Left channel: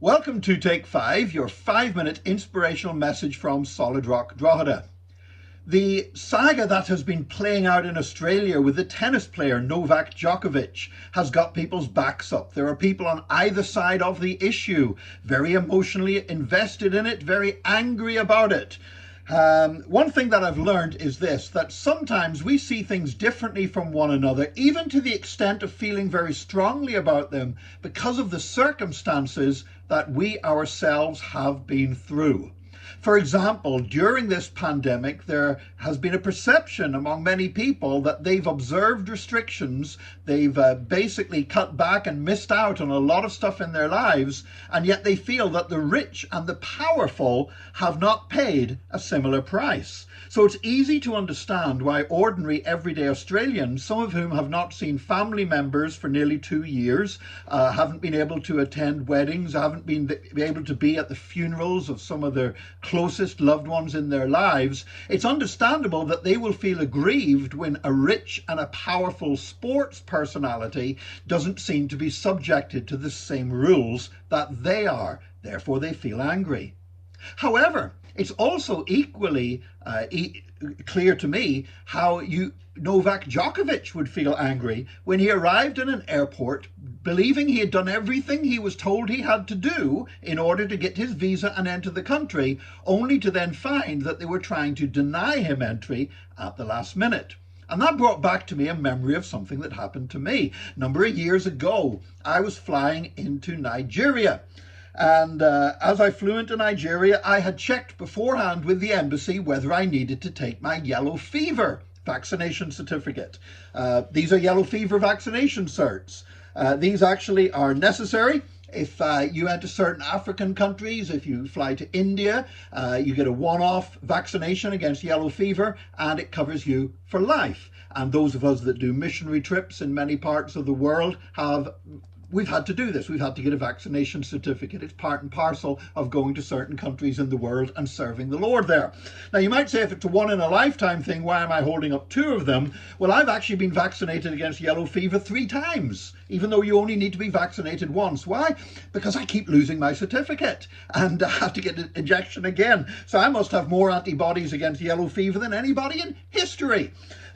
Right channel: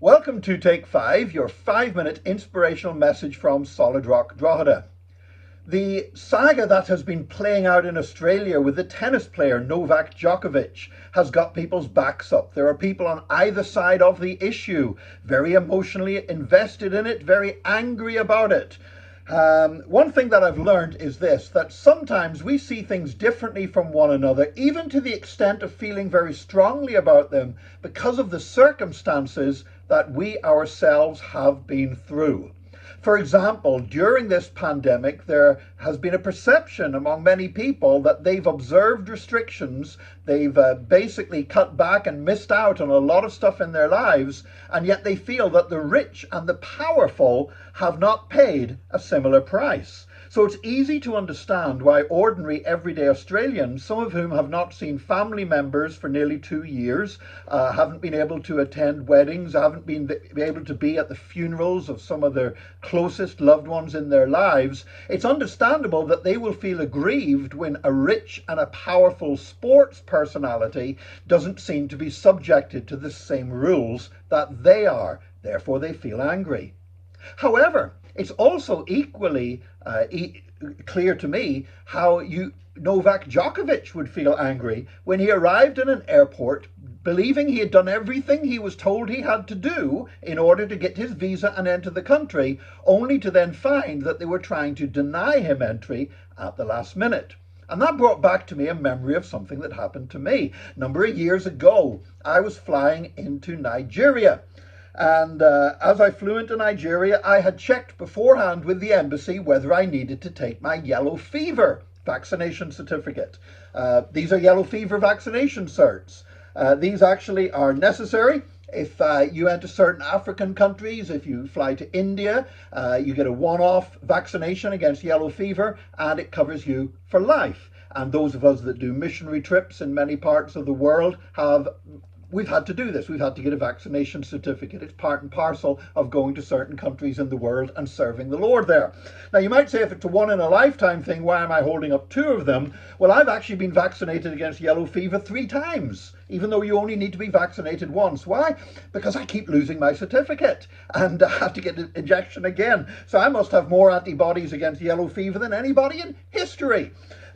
Welcome to Take 5, your 5-minute inspirational message from Solid Rock Drogheda. The saga that has been playing out in Australia with the tennis player Novak Djokovic has got people's backs up. There are people on either side of the issue, very emotionally invested in it, very angry about it. One thing that I've learned is this, that sometimes we see things differently from one another, even to the extent of feeling very strongly about them because of the circumstances that we ourselves have been through. For example, during this pandemic, there has been a perception among many people that they've observed restrictions, they've basically cut back and missed out on a lot of stuff in their lives, and yet they feel that the rich and the powerful have not paid a similar price. So it's easy to understand why ordinary, everyday Australians, some of whom have not seen family members for nearly 2 years, haven't been able to attend weddings, haven't been able to be at the funerals of some of their closest loved ones in their lives, it's understandable that they will feel aggrieved when a rich and a powerful sports personality doesn't seem to be subjected to the same rules that they are. Therefore, they feel angry. However, it's also equally clear to me how Novak Djokovic would feel angry when he arrived in an airport believing he had done everything he was told he had to do in order to get his visa and enter the country, only to then find that they were trying to deny him entry at the last minute. And that brought back to me a memory of something that happened to me. A number of years ago, I was flying into Nigeria. And as I flew into Nigeria, I had checked beforehand with the embassy whether I needed to take my yellow fever vaccination certificate. These are yellow fever vaccination certs. These actually are necessary if you enter certain African countries. If you fly to India, you get a one-off vaccination against yellow fever, and it covers you for life. And those of us that do missionary trips in many parts of the world we've had to do this. We've had to get a vaccination certificate. It's part and parcel of going to certain countries in the world and serving the Lord there. Now, you might say, if it's a one-in-a-lifetime thing, why am I holding up 2 of them? Well, I've actually been vaccinated against yellow fever 3 times, even though you only need to be vaccinated once. Why? Because I keep losing my certificate and I have to get an injection again. So I must have more antibodies against yellow fever than anybody in history.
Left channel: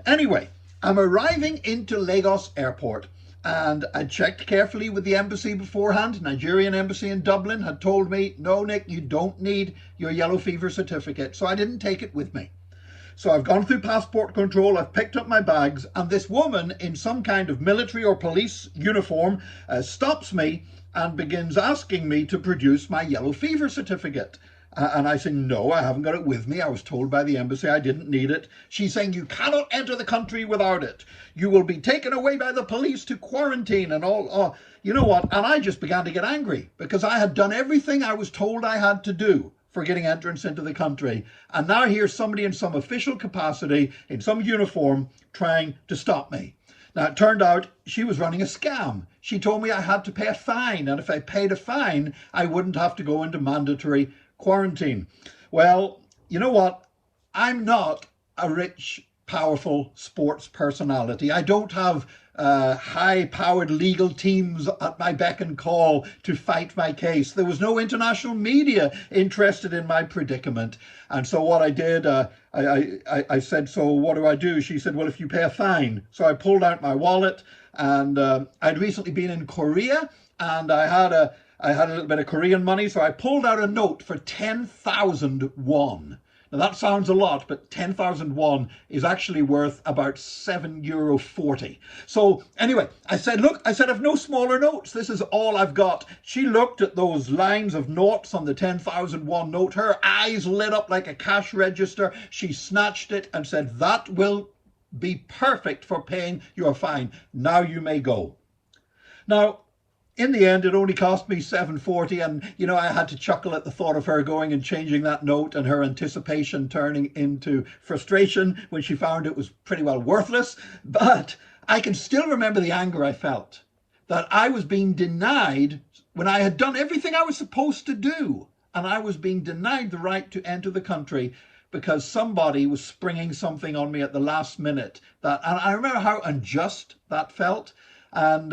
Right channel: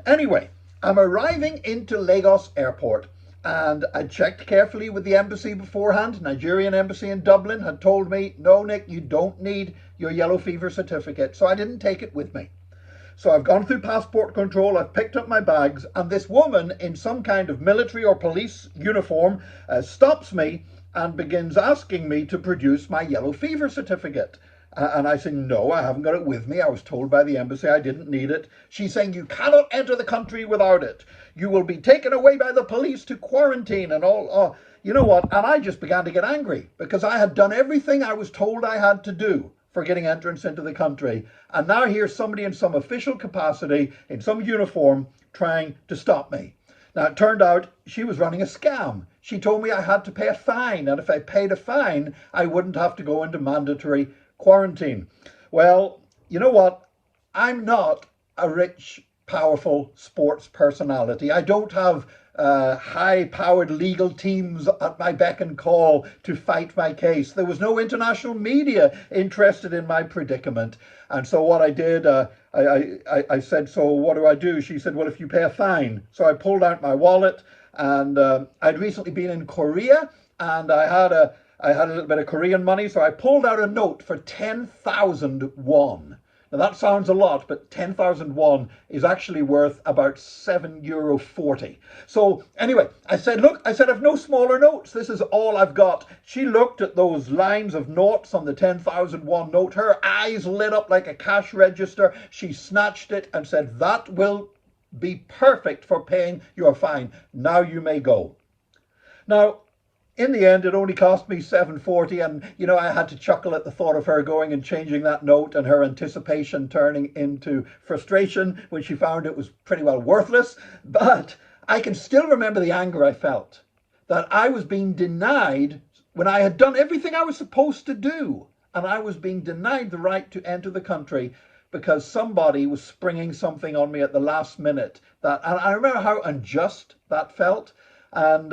Anyway, I'm arriving into Lagos Airport. And I checked carefully with the embassy beforehand. Nigerian embassy in Dublin had told me, no, Nick, you don't need your yellow fever certificate. So I didn't take it with me. So I've gone through passport control, I've picked up my bags, and this woman in some kind of military or police uniform stops me and begins asking me to produce my yellow fever certificate. And I say, no, I haven't got it with me. I was told by the embassy I didn't need it. She's saying, you cannot enter the country without it. You will be taken away by the police to quarantine and all. Oh, you know what? And I just began to get angry because I had done everything I was told I had to do for getting entrance into the country. And now here's somebody in some official capacity, in some uniform, trying to stop me. Now, it turned out she was running a scam. She told me I had to pay a fine, and if I paid a fine, I wouldn't have to go into mandatory quarantine. Well, you know what? I'm not a rich, powerful sports personality. I don't have high-powered legal teams at my beck and call to fight my case. There was no international media interested in my predicament. And so what I did, I said, so what do I do? She said, well, if you pay a fine. So I pulled out my wallet, and I'd recently been in Korea, and I had a little bit of Korean money, so I pulled out a note for 10,000 won. Now that sounds a lot, but 10,000 won is actually worth about €7.40. So anyway, I said, look, I've no smaller notes. This is all I've got. She looked at those lines of noughts on the 10,000 won note. Her eyes lit up like a cash register. She snatched it and said, that will be perfect for paying your fine. Now you may go. Now, in the end, it only cost me $7.40, and you know, I had to chuckle at the thought of her going and changing that note and her anticipation turning into frustration when she found it was pretty well worthless. But I can still remember the anger I felt that I was being denied when I had done everything I was supposed to do, and I was being denied the right to enter the country because somebody was springing something on me at the last minute. And I remember how unjust that felt. And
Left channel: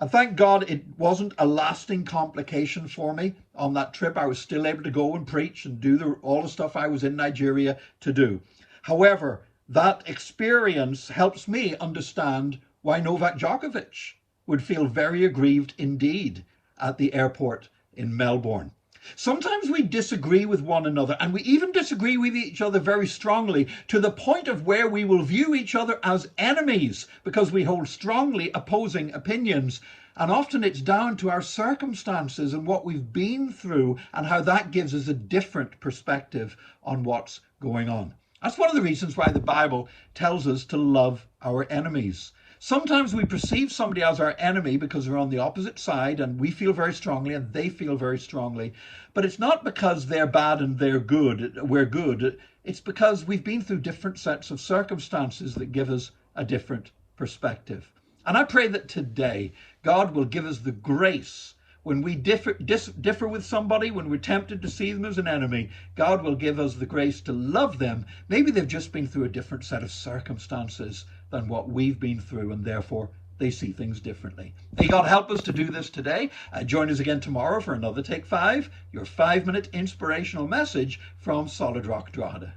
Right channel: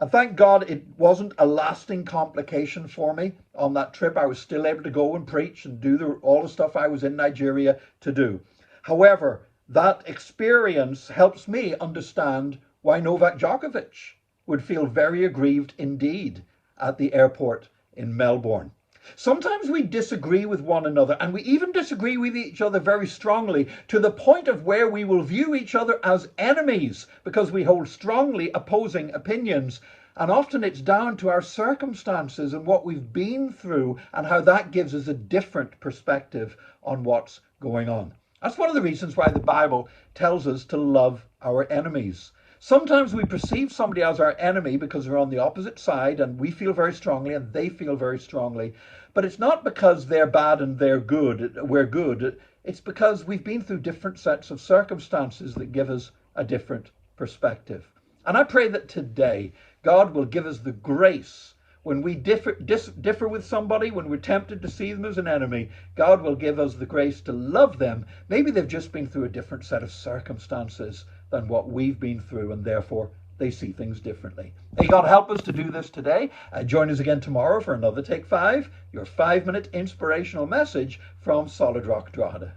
And thank God it wasn't a lasting complication for me on that trip. I was still able to go and preach and do all the stuff I was in Nigeria to do. However, that experience helps me understand why Novak Djokovic would feel very aggrieved indeed at the airport in Melbourne. Sometimes we disagree with one another, and we even disagree with each other very strongly, to the point of where we will view each other as enemies because we hold strongly opposing opinions. And often it's down to our circumstances and what we've been through and how that gives us a different perspective on what's going on. That's one of the reasons why the Bible tells us to love our enemies. Sometimes we perceive somebody as our enemy because they're on the opposite side and we feel very strongly and they feel very strongly. But it's not because they're bad and we're good. It's because we've been through different sets of circumstances that give us a different perspective. And I pray that today God will give us the grace when we differ with somebody, when we're tempted to see them as an enemy. God will give us the grace to love them. Maybe they've just been through a different set of circumstances than what we've been through, and therefore they see things differently. May God help us to do this today. Join us again tomorrow for another Take 5, your 5-minute inspirational message from Solid Rock Drogheda.